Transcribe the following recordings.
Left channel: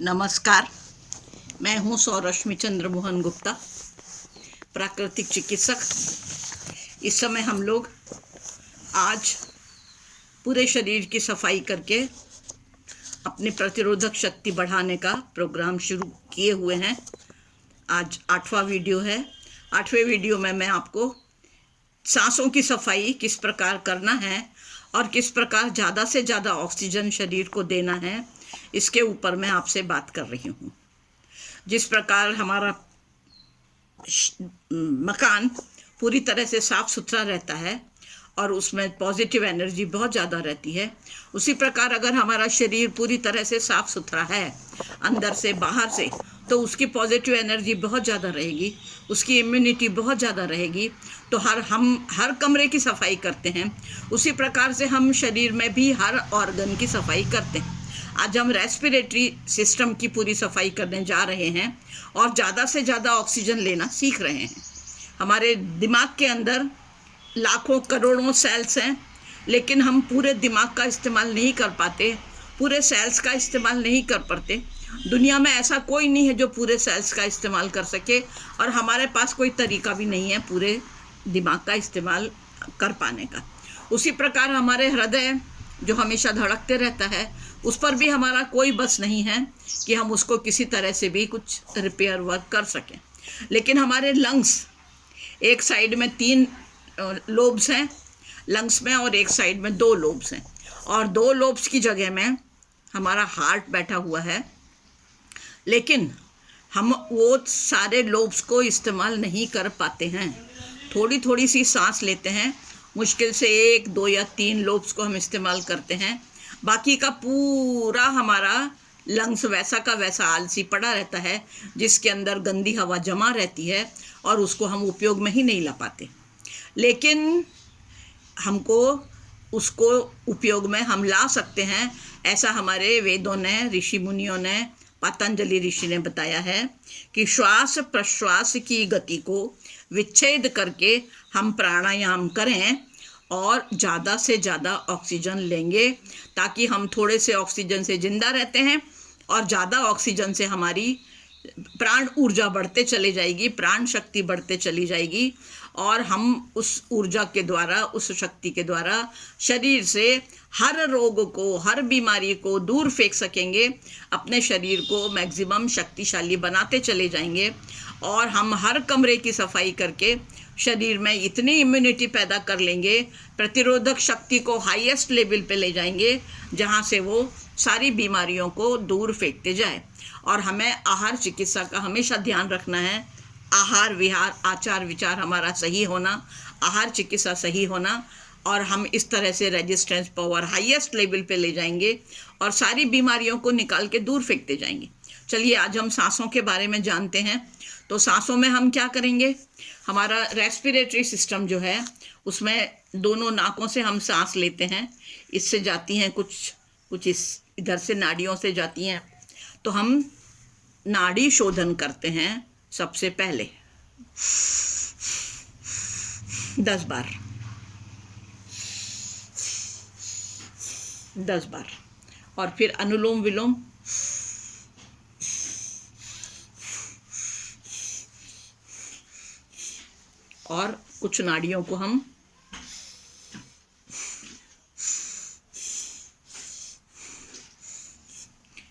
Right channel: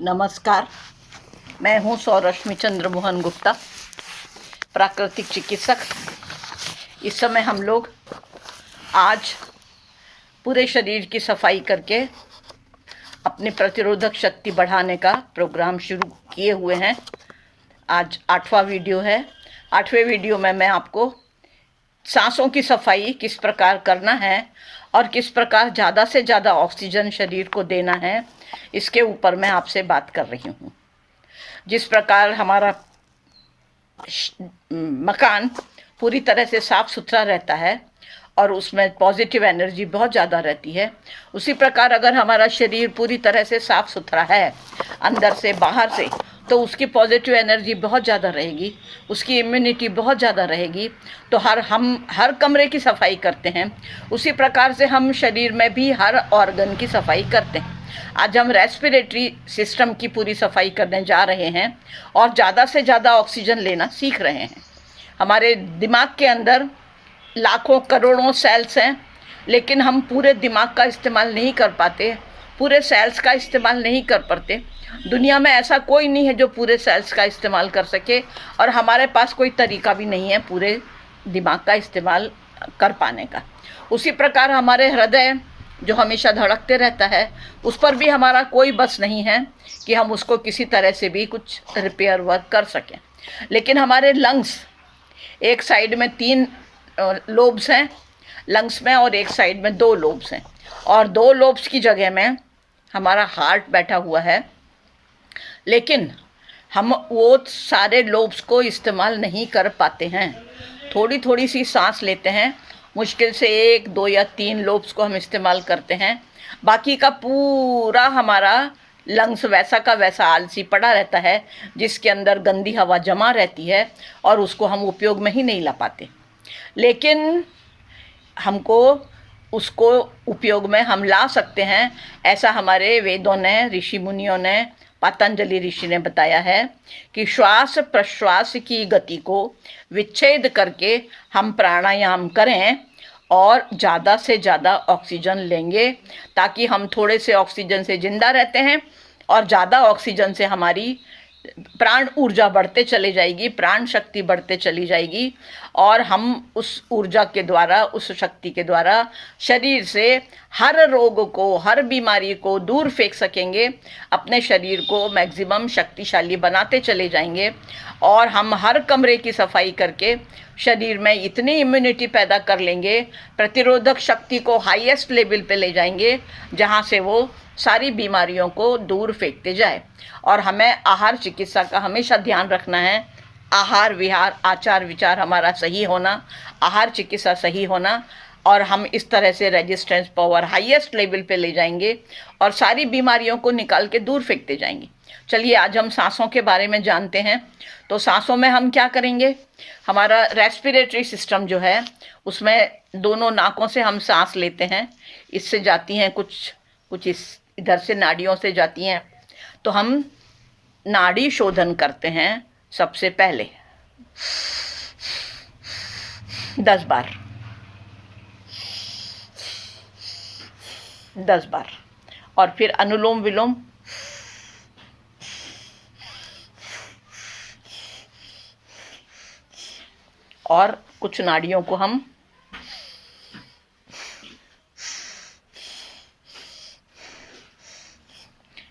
नमस्कार, मैं हूँ सौरश्मि चंद्र मोहन गुप्ता, प्राकृतिक चिकित्सक। इस समय हम लोग आज पूरे शरीर की सफाई करके अपनी प्रतिरोधक शक्ति बढ़ाने का प्रोग्राम शुरू किए हुए हैं। आज 8वां वीडियो है। 8वें वीडियो में मैं आपको सांसों की सफाई किस प्रकार करना है और किस प्रकार ज़्यादा से ज़्यादा ऑक्सीजन शरीर को देना है, इसके ऊपर मैं आपसे बात कर रही हूँ। जिस प्रकार हमारा मकान पूरी तरह से साफ़ सुथरा रहता है और उसमें पॉजिटिव एनर्जी बहुत ज़्यादा रहती है, उसी प्रकार अगर हमारा शरीर पूरी तरह से साफ़ सुथरा है अंदर से बाहर से, तो उसकी पॉजिटिव एनर्जी बहुत ज़्यादा रहेगी, उसकी इम्यूनिटी बहुत ज़्यादा रहेगी। तो हम हर कमरे की सफाई करते हैं, उसी प्रकार से हम शरीर में भी हर ऑर्गन की सफाई करते हैं। आज हम रेस्पिरेटरी सिस्टम की पूरी सफाई करने जा रहे हैं और ज़्यादा से ज़्यादा ऑक्सीजन लेना सीख रहे हैं। हमारे दिमाग के अंदर लाखों करोड़ों सेल्स हैं, लेकिन हम पूरे दिमाग का इस्तेमाल नहीं कर पाते, पूरे सेल्स का इस्तेमाल नहीं कर पाते। दुनिया में ऐसा कोई नहीं है जो पूरे सेल्स का इस्तेमाल कर सके, और हमारे पास कोई तरीका भी नहीं है पूरे दिमाग का इस्तेमाल कर पाने का। उसी प्रकार हमारे हृदय जो हमेशा धड़कते रहता है, उस पर भी हमारा कोई बस नहीं है कि हम उसको किसी तरह से भी कुछ रिपेयर वर्क कर सकें। लेकिन हमारे लंग्स, एक साइड में 3 लोब्स हैं लंग्स में और एक साइड में 2 लोब्स हैं, और 2 लोब्स की जगह में हमारा हार्ट बैठा हुआ है। लेकिन हम वो सारे लोब्स को इस्तेमाल नहीं कर पाते हैं। थोड़ी थोड़ी सी सांस लेते हैं, मुश्किल से 1, 2 या 3 लोब्स को हम इस्तेमाल करते हैं। बाकी का पूरा हमारा लंग्स वैसा का वैसा आलसी पड़ा रहता है, जिसके अंदर गंदी हवा जमा रहती है और उसको हम उपयोग में ही नहीं ला पाते। लेकिन हमको उसको उपयोग में हम ला सकते हैं, ऐसा हमारे वेदों ने, ऋषि मुनियों ने, पतंजलि ऋषि ने बताया है कि श्वास प्रश्वास की गति को विच्छेद करके हम प्राणायाम करें और ज़्यादा से ज़्यादा ऑक्सीजन लेंगे, ताकि हम थोड़े से ऑक्सीजन से ज़िंदा रहते हैं और ज़्यादा ऑक्सीजन से हमारी प्राण ऊर्जा बढ़ते चले जाएगी, प्राण शक्ति बढ़ते चली जाएगी, और हम उस ऊर्जा के द्वारा, उस शक्ति के द्वारा शरीर से हर रोग को, हर बीमारी को दूर फेंक सकेंगे। अपने शरीर को मैक्सिमम शक्तिशाली बनाते चले जाएंगे, और हम हर कमरे की सफाई करके शरीर में इतनी इम्यूनिटी पैदा कर लेंगे, प्रतिरोधक शक्ति को हाईएस्ट लेवल पे ले जाएंगे, जहाँ से वो सारी बीमारियों को दूर फेंकते जाए। और हमें आहार चिकित्सा का हमेशा ध्यान रखना है। आहार विहार, आचार विचार हमारा सही होना, आहार चिकित्सा सही होना, और हम इस तरह से रेजिस्टेंस पावर हाईएस्ट लेवल पे ले जाएंगे और सारी बीमारियों को निकाल के दूर फेंकते जाएंगे। चलिए आज हम सांसों के बारे में जानते हैं। तो सांसों में हम क्या करेंगे, हमारा रेस्पिरेटरी सिस्टम जो है, उसमें दोनों नाकों से हम सांस लेते हैं, इससे जाती हैं कुछ इधर से नाड़ियों से जाती हैं। तो हम नाड़ी शोधन करते हैं सबसे पहले 10 बार, 10 बार, और फिर अनुलोम विलोम, और कुछ नाड़ियों को हम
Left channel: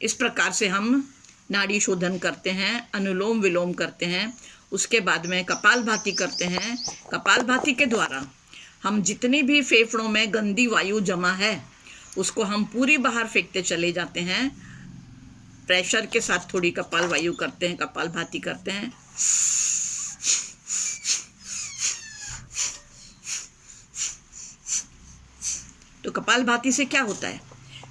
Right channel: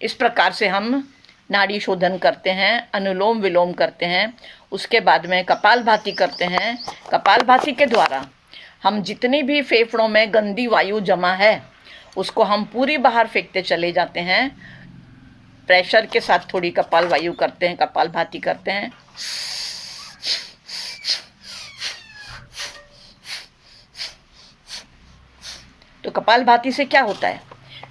इस प्रकार से हम नाड़ी शोधन करते हैं, अनुलोम विलोम करते हैं। उसके बाद में कपालभाति करते हैं। कपालभाति के द्वारा हम जितनी भी फेफड़ों में गंदी वायु जमा है, उसको हम पूरी बाहर फेंकते चले जाते हैं। प्रेशर के साथ थोड़ी कपाल वायु करते हैं, कपालभाति करते हैं। तो कपालभाति से क्या होता है,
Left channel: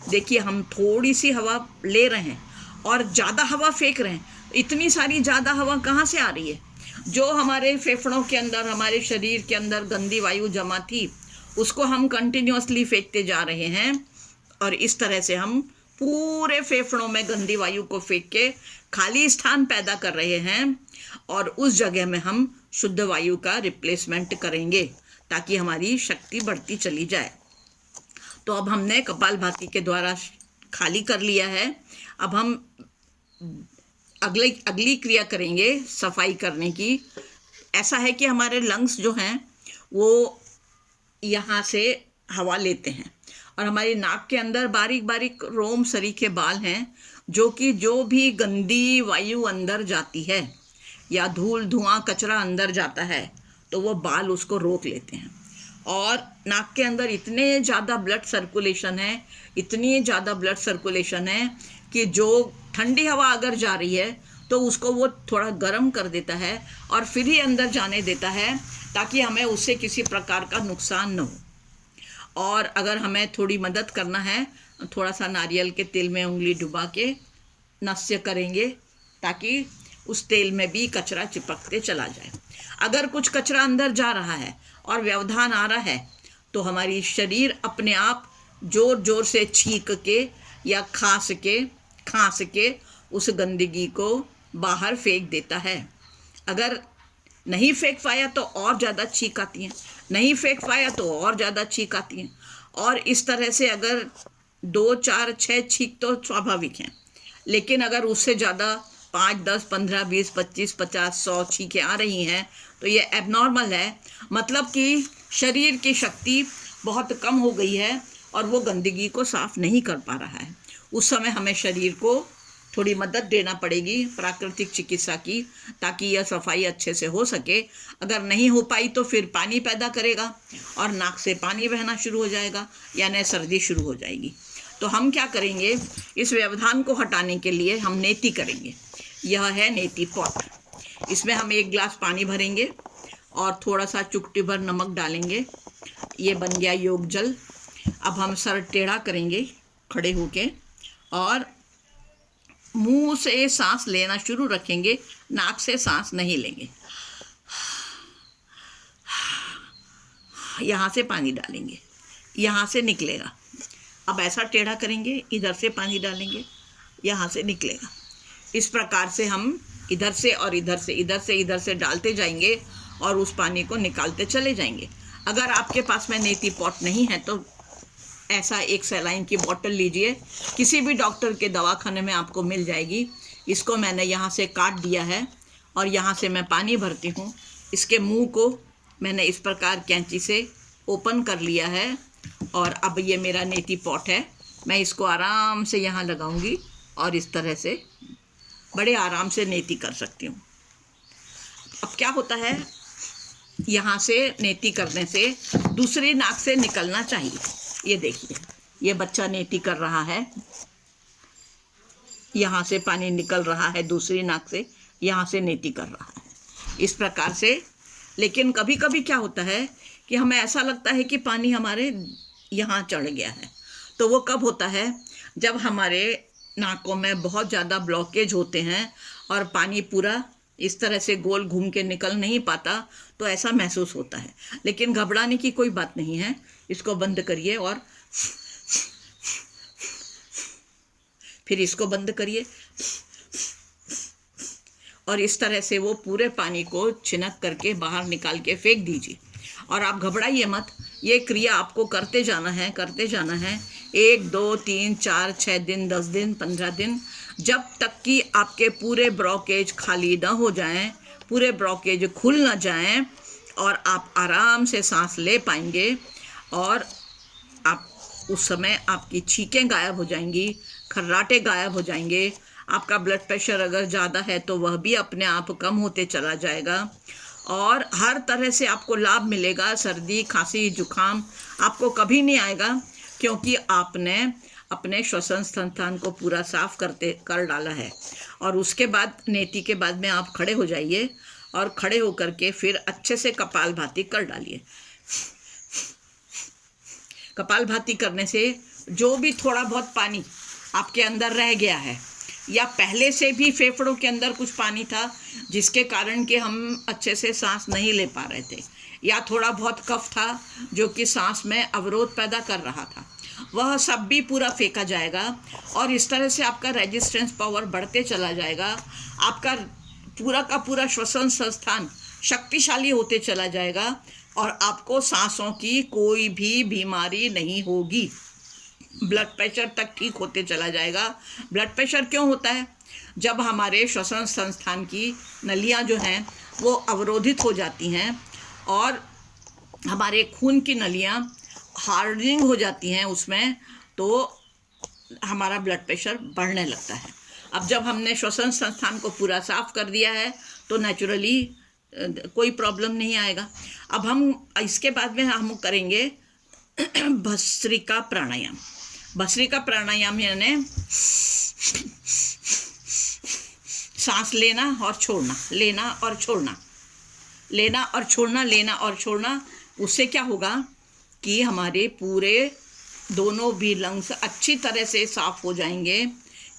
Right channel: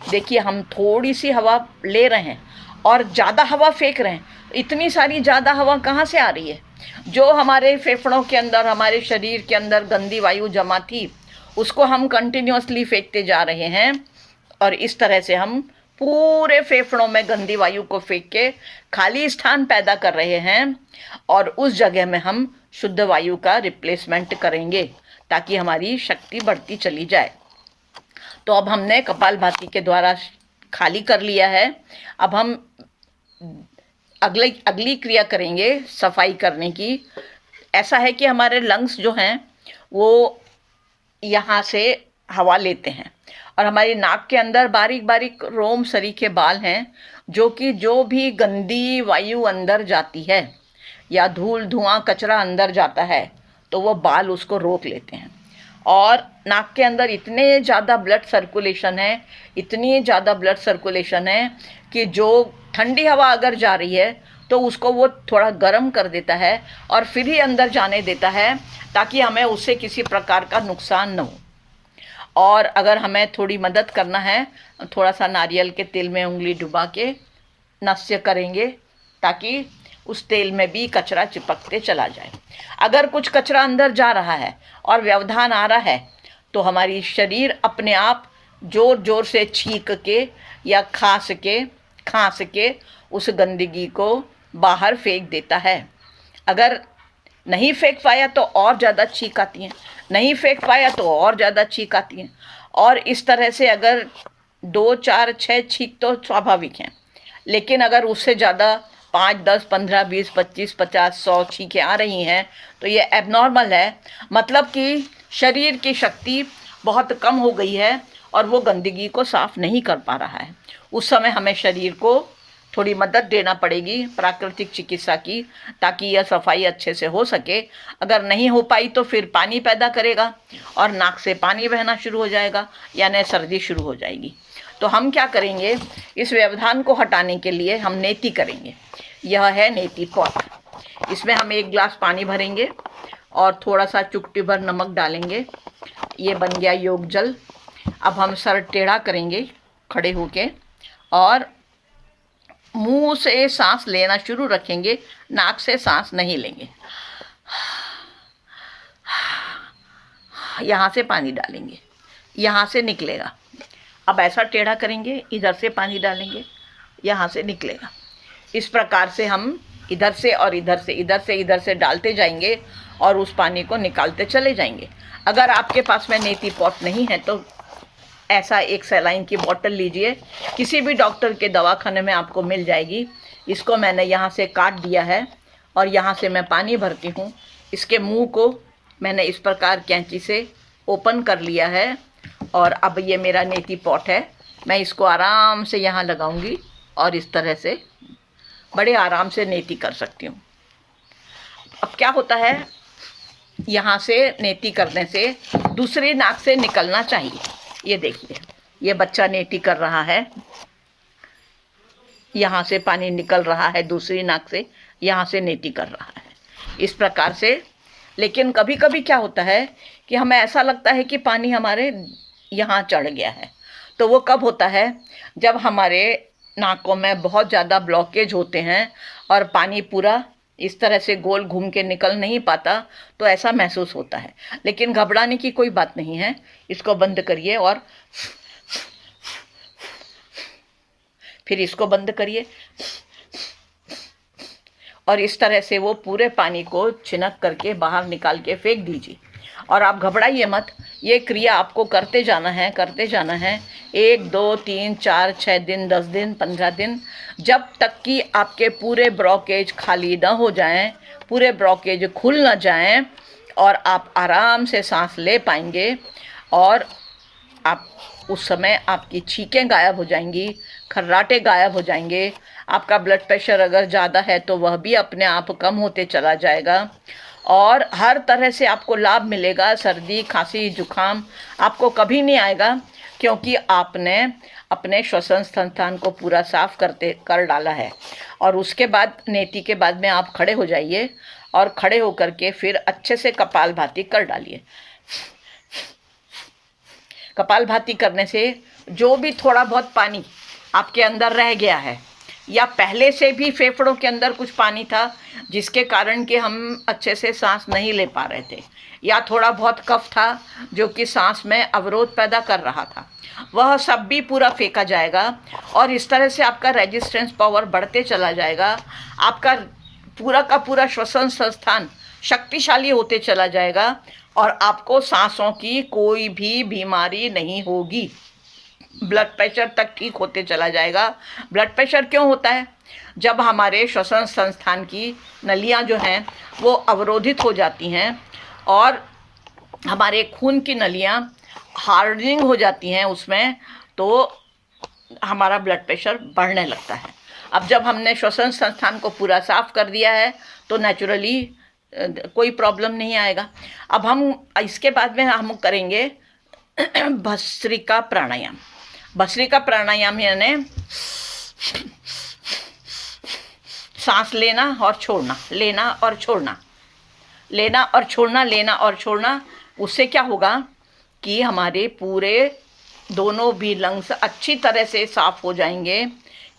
देखिए हम थोड़ी सी हवा ले रहे हैं और ज़्यादा हवा फेंक रहे हैं। इतनी सारी ज़्यादा हवा कहाँ से आ रही है? जो हमारे फेफड़ों के अंदर, हमारे शरीर के अंदर गंदी वायु जमा थी, उसको हम कंटिन्यूसली फेंकते जा रहे हैं, और इस तरह से हम पूरे फेफड़ों में गंदी वायु को फेंक के खाली स्थान पैदा कर रहे हैं, और उस जगह में हम शुद्ध वायु का रिप्लेसमेंट करेंगे, ताकि हमारी शक्ति बढ़ती चली जाए। तो अब हमने कपालभाति के द्वारा खाली कर लिया है। अब हम अगली अगली क्रिया करेंगे सफाई करने की। ऐसा है कि हमारे लंग्स जो हैं वो यहाँ से हवा लेते हैं, और हमारी नाक के अंदर बारीक बारीक रोम सरीखे बाल हैं, जो कि जो भी गंदी वायु अंदर जाती है या धूल धुआं कचरा अंदर जाता है तो वो बाल उसको रोक लेते हैं। और नाक के अंदर इतने ज़्यादा ब्लड सर्कुलेशन है, इतनी ज़्यादा ब्लड सर्कुलेशन है कि जो ठंडी हवा अगर जा रही है तो उसको वो थोड़ा गर्म कर देता है और फिर ही अंदर जाने देता है, ताकि हमें उससे किसी प्रकार का नुकसान न हो। और अगर हमें थोड़ी मदद करना है, थोड़ा सा नारियल के तेल में उंगली डुबा के नस्य करेंगे, ताकि उस तेल में भी कचरा चिपकते चला जाए। अगर कुछ कचरा अंदर जा रहा है और व्यवधान आ रहा है तो हमारी शरीर अपने आप जोर जोर से छींक के या खांस के उस गंदगी को बाहर फेंक देता है। अगर नहीं फेंक पाया तो और ज़्यादा छींक आती हैं, नहीं फेंक पाया तो और ज़्यादा छींक आती हैं। और इस तरह से अगर 2, 4, 6 छींक तो स्वाभाविक हैं, लेकिन अगर उससे ज़्यादा 5, 10, 15, 20, 25, 50, 100 छींकें आ रही हैं तो ये एबनॉर्मल है। मतलब कि शरीर की शक्ति बहुत कम हो गई है और वो गंदगी को साफ़ नहीं कर पा रहा है। उस समय हमें शरीर को थोड़ी मदद देना पड़ेगी प्राकृतिक चिकित्सा की, ताकि यह सफाई अच्छे से हो सके। अगर नहीं हो पाई तो फिर पानी पैदा करेगा और नाक से पानी बहना शुरू हो जाएगा, यानी सर्दी शुरू हो जाएगी। तो हम क्या करेंगे, इस व्यवधान को हटाने के लिए हम नेति करेंगे। यह है नेति पॉट। इसमें हम 1 गिलास पानी भरेंगे और थोड़ा सा चुटकी भर नमक डालेंगे। ये बन गया योग जल। अब हम सर टेढ़ा करेंगे खड़े होके और मुंह से सांस लेना शुरू रखेंगे, नाक से सांस नहीं लेंगे। यहाँ से पानी डालेंगे, यहाँ से निकलेगा। अब ऐसा टेढ़ा करेंगे, इधर से पानी डालेंगे, यहाँ से निकलेगा। इस प्रकार से हम इधर से और इधर से डालते जाएंगे और उस पानी को निकालते चले जाएंगे। अगर आपके पास में नेति पॉट नहीं है तो ऐसा एक सलाइन की बोतल लीजिए, किसी भी डॉक्टर के दवाखाने में आपको मिल जाएगी। इसको मैंने यहाँ से काट दिया है और यहाँ से मैं पानी भरती हूँ। इसके मुंह को मैंने इस प्रकार कैंची से ओपन कर लिया है और अब ये मेरा नेति पॉट है। मैं इसको आराम से यहाँ लगाऊंगी और इस तरह से बड़े आराम से नेति कर सकती हूँ। अब क्या होता है, यहाँ से नेति करने से दूसरी नाक से निकलना चाहिए। ये देखिए, ये बच्चा नेति कर रहा है, यहाँ से पानी निकल रहा है दूसरी नाक से, यहाँ से नेति कर रहा है इस प्रकार से। लेकिन कभी कभी क्या होता है कि हमें ऐसा लगता है कि पानी हमारे यहाँ चढ़ गया है। तो वो कब होता है, जब हमारे नाकों में बहुत ज़्यादा ब्लॉकेज होते हैं और पानी पूरा इस तरह से गोल घूम के निकल नहीं पाता, तो ऐसा महसूस होता है। लेकिन घबराने की कोई बात नहीं है। इसको बंद करिए और फिर इसको बंद करिए और इस तरह से वो पूरे पानी को छिनक करके बाहर निकाल के फेंक दीजिए। और आप घबराइए मत, ये क्रिया आपको करते जाना है 1, 2, 3, 4, 6 दिन, 10 दिन, 15 दिन, जब तक कि आपके पूरे ब्लॉकेज खाली न हो जाएं, पूरे ब्लॉकेज खुल न जाएं और आप आराम से सांस ले पाएंगे। और आप उस समय आपकी छींकें गायब हो जाएंगी, खर्राटे गायब हो जाएंगे। आपका ब्लड प्रेशर अगर ज़्यादा है तो वह भी अपने आप कम होते चला जाएगा और हर तरह से आपको लाभ मिलेगा। सर्दी, खांसी, जुखाम आपको कभी नहीं आएगा, क्योंकि आपने अपने श्वसन स्थान को पूरा साफ कर डाला है। और उसके बाद नेति के बाद में आप खड़े हो जाइए और खड़े होकर के फिर अच्छे से कपालभाति कर डालिए। कपालभाति करने से जो भी थोड़ा बहुत पानी आपके अंदर रह गया है या पहले से भी फेफड़ों के अंदर कुछ पानी था जिसके कारण कि हम अच्छे से सांस नहीं ले पा रहे थे, या थोड़ा बहुत कफ था जो कि सांस में अवरोध पैदा कर रहा था, वह सब भी पूरा फेंका जाएगा। और इस तरह से आपका रेजिस्टेंस पावर बढ़ते चला जाएगा। आपका पूरा का पूरा श्वसन संस्थान शक्तिशाली होते चला जाएगा और आपको सांसों की कोई भी बीमारी नहीं होगी। ब्लड प्रेशर तक ठीक होते चला जाएगा। ब्लड प्रेशर क्यों होता है? जब हमारे श्वसन संस्थान की नलियाँ जो हैं वो अवरोधित हो जाती हैं और हमारे खून की नलियाँ हार्डनिंग हो जाती हैं उसमें, तो हमारा ब्लड प्रेशर बढ़ने लगता है। अब जब हमने श्वसन संस्थान को पूरा साफ कर दिया है तो नेचुरली कोई प्रॉब्लम नहीं आएगा। अब हम इसके बाद में हम करेंगे भस्त्रिका प्राणायाम। भस्त्रिका प्राणायाम यानी सांस लेना और छोड़ना, लेना और छोड़ना, लेना और छोड़ना, लेना और छोड़ना। उससे क्या होगा कि हमारे पूरे दोनों भी लंग्स अच्छी तरह से साफ हो जाएंगे,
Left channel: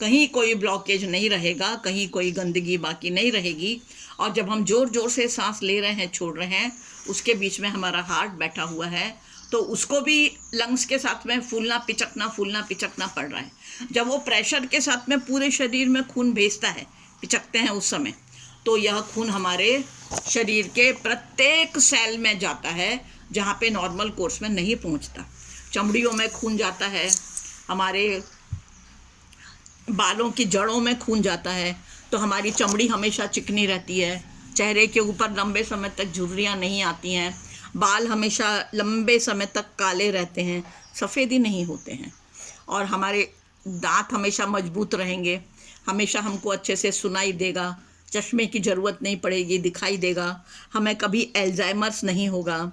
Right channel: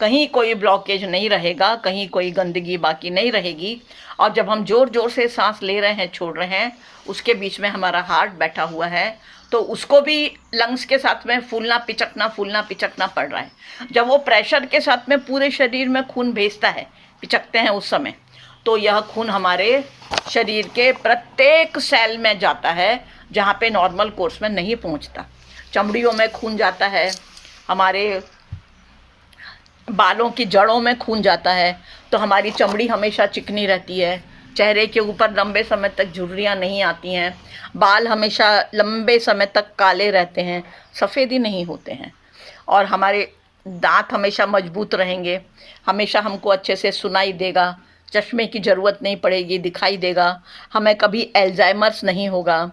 कहीं कोई ब्लॉकेज नहीं रहेगा, कहीं कोई गंदगी बाकी नहीं रहेगी। और जब हम ज़ोर ज़ोर से सांस ले रहे हैं, छोड़ रहे हैं, उसके बीच में हमारा हार्ट बैठा हुआ है, तो उसको भी लंग्स के साथ में फूलना पिचकना पड़ रहा है। जब वो प्रेशर के साथ में पूरे शरीर में खून भेजता है, पिचकते हैं उस समय, तो यह खून हमारे शरीर के प्रत्येक सेल में जाता है जहाँ पे नॉर्मल कोर्स में नहीं पहुँचता। चमड़ियों में खून जाता है, हमारे बालों की जड़ों में खून जाता है, तो हमारी चमड़ी हमेशा चिकनी रहती है, चेहरे के ऊपर लंबे समय तक झुर्रियाँ नहीं आती हैं, बाल हमेशा लंबे समय तक काले रहते हैं, सफ़ेदी नहीं होते हैं, और हमारे दांत हमेशा मजबूत रहेंगे, हमेशा हमको अच्छे से सुनाई देगा, चश्मे की ज़रूरत नहीं पड़ेगी, दिखाई देगा, हमें कभी एल्जाइमर्स नहीं होगा,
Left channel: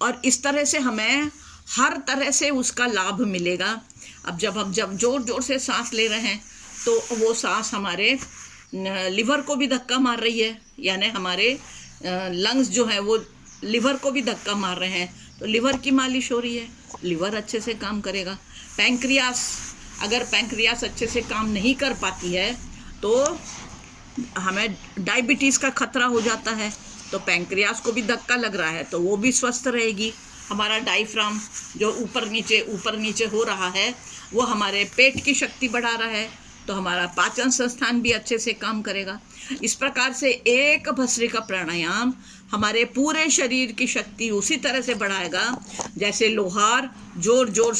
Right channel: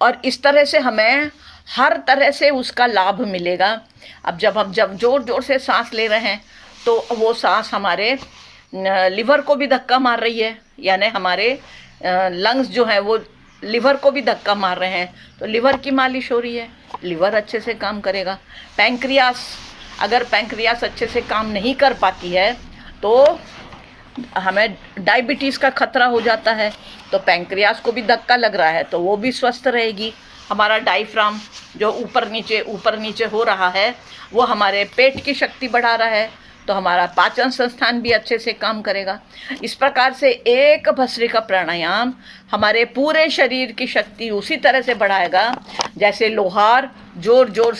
और इस तरह से हमें हर तरह से उसका लाभ मिलेगा। अब जब ज़ोर ज़ोर से सांस ले रहे हैं तो वो सांस हमारे लिवर को भी धक्का मार रही है, यानी हमारे लंग्स जो हैं वो लिवर को भी धक्का मार रहे हैं, तो लिवर की मालिश हो रही है, लिवर अच्छे से काम करेगा। पैंक्रियास, अगर पैंक्रियास अच्छे से काम नहीं कर पाती है तो हमें डायबिटीज़ का खतरा हो जाता है, तो पैंक्रियास को भी धक्का लग रहा है तो वो भी स्वस्थ रहेगी। हमारा डायफ्राम जो ऊपर नीचे हो रहा है वो हमारे पेट की शक्ति बढ़ा रहा है, तो हमारा पाचन संस्थान भी अच्छे से काम करेगा। इस प्रकार से एक भस्त्रिका प्राणायाम हमारे पूरे शरीर की शक्ति उसी तरह से बढ़ाएगा जैसे लोहार जोर जोर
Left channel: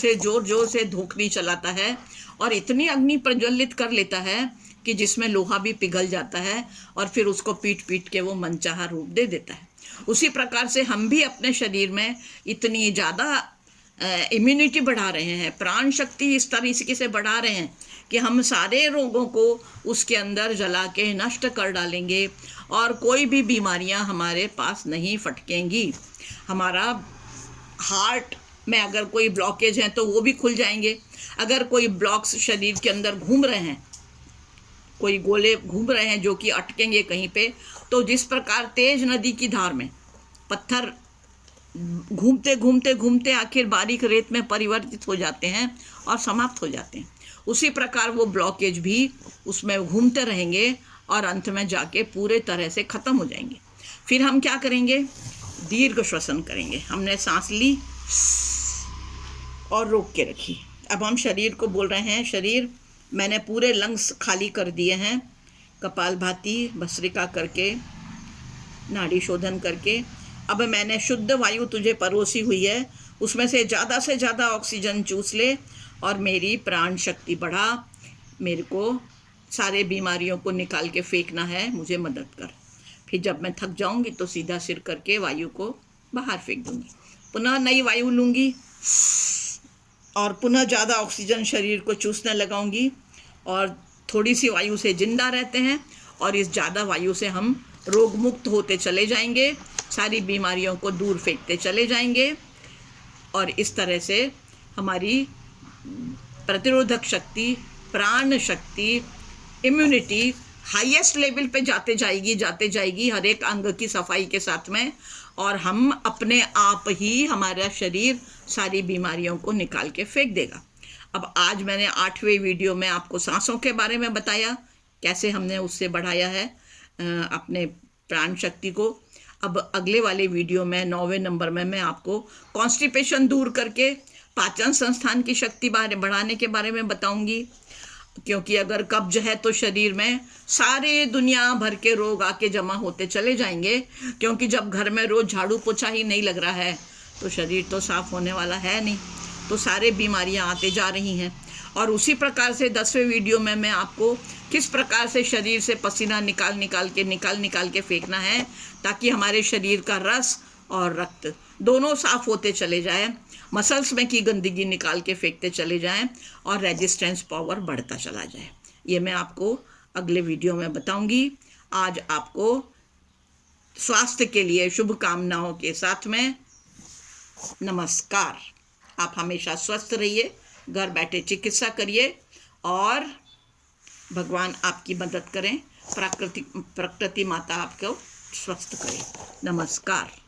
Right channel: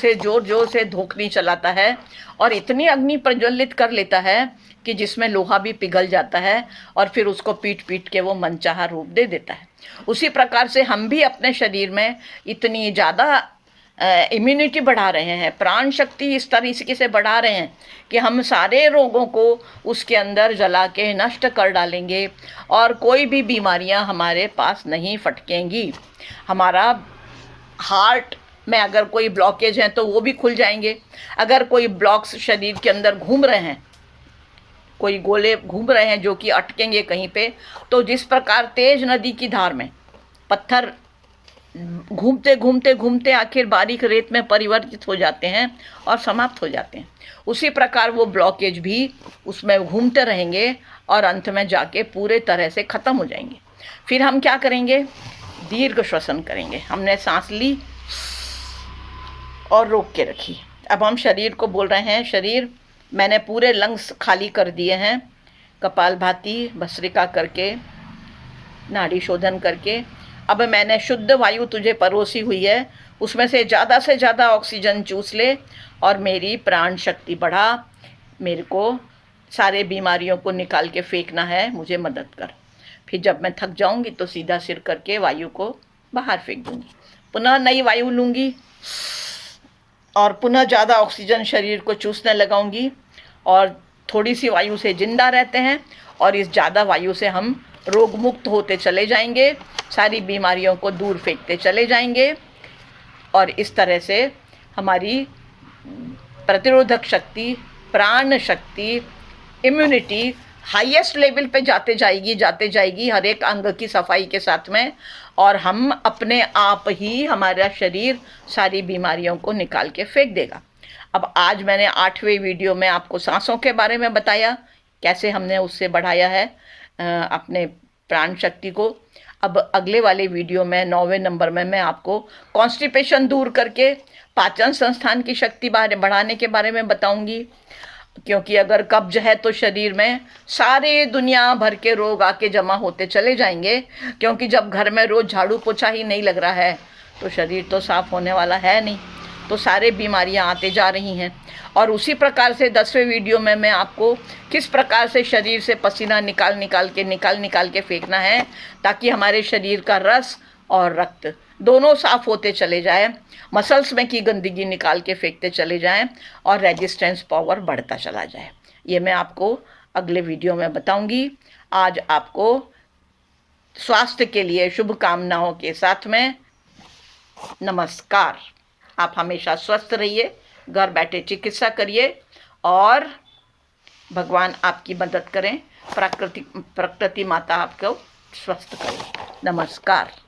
से धोखनी चलाता है और इतनी अग्नि प्रज्वलित कर लेता है कि जिसमें लोहा भी पिघल जाता है और फिर उसको पीट के वो मनचाहा रूप दे देता है। उसी प्रकार से हम भी अपने शरीर में इतनी ज़्यादा इम्यूनिटी बढ़ा रहे हैं, प्राण शक्ति इस तरीके से बढ़ा रहे हैं कि हम सारे रोगों को उसके अंदर जला के नष्ट कर डालेंगे और कोई भी बीमारियां हमारे पास नहीं फटकेंगी। हमारा हार्ट में अगर कोई ब्लॉकेज हैं तो वो भी खुल जाएंगे। अगर कोई ब्लॉक्स शरीर के अंदर घूम रहे हैं, कोई गोले घूम रहे हैं जो कि अटकेंगे कहीं पे, तो जिस प्रकार तेज नदी की धार में पत्थर घूमते आखिर बारीक रेत में परिवर्तित हो जाते हैं और समाप्त हो जाते हैं, उसी प्रकार वो ब्लॉकेज भी उसमें घूमते रहेंगे और अंत में जाके पूरे तरह से ख़त्म हो जाएंगे। फिर हम क्या करेंगे? दीर्घ श्वसन करेंगे। हमने सांस ली और रोक के रखी। अब हम शरीर को बोल रहे हैं, शरीर मैंने पूरे लंग्स खाली कर दिए हैं, कपालभाति भस्त्रिका करके, नाड़ी शोधन करके। अब मैंने शुद्ध वायु तुझे परोसी हुई है, उसमें से ज़्यादा ऑक्सीजन चूस ले और मेरी प्राण शक्ति बढ़ा। मेरे को सारे बीमारियों को निकाल के फेंकना है, मुझे मदद कर। फिर जब मैं थक जाऊंगी तो सीधा सिर करके वायु को बाहर फेंक दूंगी, पुनः नई वायु लूँगी और पुनः ज़्यादा ऑक्सीजन शरीर को चूसने लगाऊंगी। और थोड़ी सी वायु से जिंदा रहते हैं और इस ज़्यादा वायु से हम रोग मुक्त होते चले जाएंगे, सारी बीमारियों को दूर फेंकते चले जाएंगे और इस तरह से हमारी प्रतिरोधक शक्ति, प्राण शक्ति, इम्यूनिटी हाईएस्ट लेवल पे जाते जाएगी हर एक अंग की सफाई के साथ में, और हम अपने आप ही हमारा शरीर सारी बीमारियों को निकाल के फेंक देगा। अब आज मैंने 8वें वीडियो में आपको सांसों के बारे में बताया, कैसे हमने उससे बढ़ाया है अपने प्राण शक्ति को। अब अगले वाले वीडियो में 9वें नंबर में मैं आपको कॉन्स्टिपेशन दूर करके पाचन संस्थान की शक्ति बढ़ाने के बारे में बताऊंगी, क्योंकि अगर कब्ज है तो शरीर में सारे दुनिया भर के रोग आके जमा होते चले जाएंगे, क्योंकि जब घर में रोज़ झाड़ू पोछा ही नहीं लग रहा है तो शरीर तो साफ होने वाला है नहीं। तो सारे बीमारियां आते जा रही हैं। और उसी प्रकार से 10वें वीडियो में मैं आपको किस प्रकार से शरीर से पसीना निकाल निकाल के फेंकना है, ताकि हमारे शरीर का रस और रक्त दोनों साफ होते चले जाएं, मसल्स में की गंदगी निकाल के फेंकते चले जाएं और रेजिस्टेंस पावर बढ़ता चला जाए। ये मैं आपको अगले वीडियो में बताऊंगी। आज आपको स्वास्थ्य के लिए शुभकामनाओं के साथ में नमस्कार। आप हमेशा स्वस्थ रहिए, घर बैठे चिकित्सा करिए और भगवान आपकी मदद करें, प्रकृति माता आपको स्वस्थ करे। नमस्कार।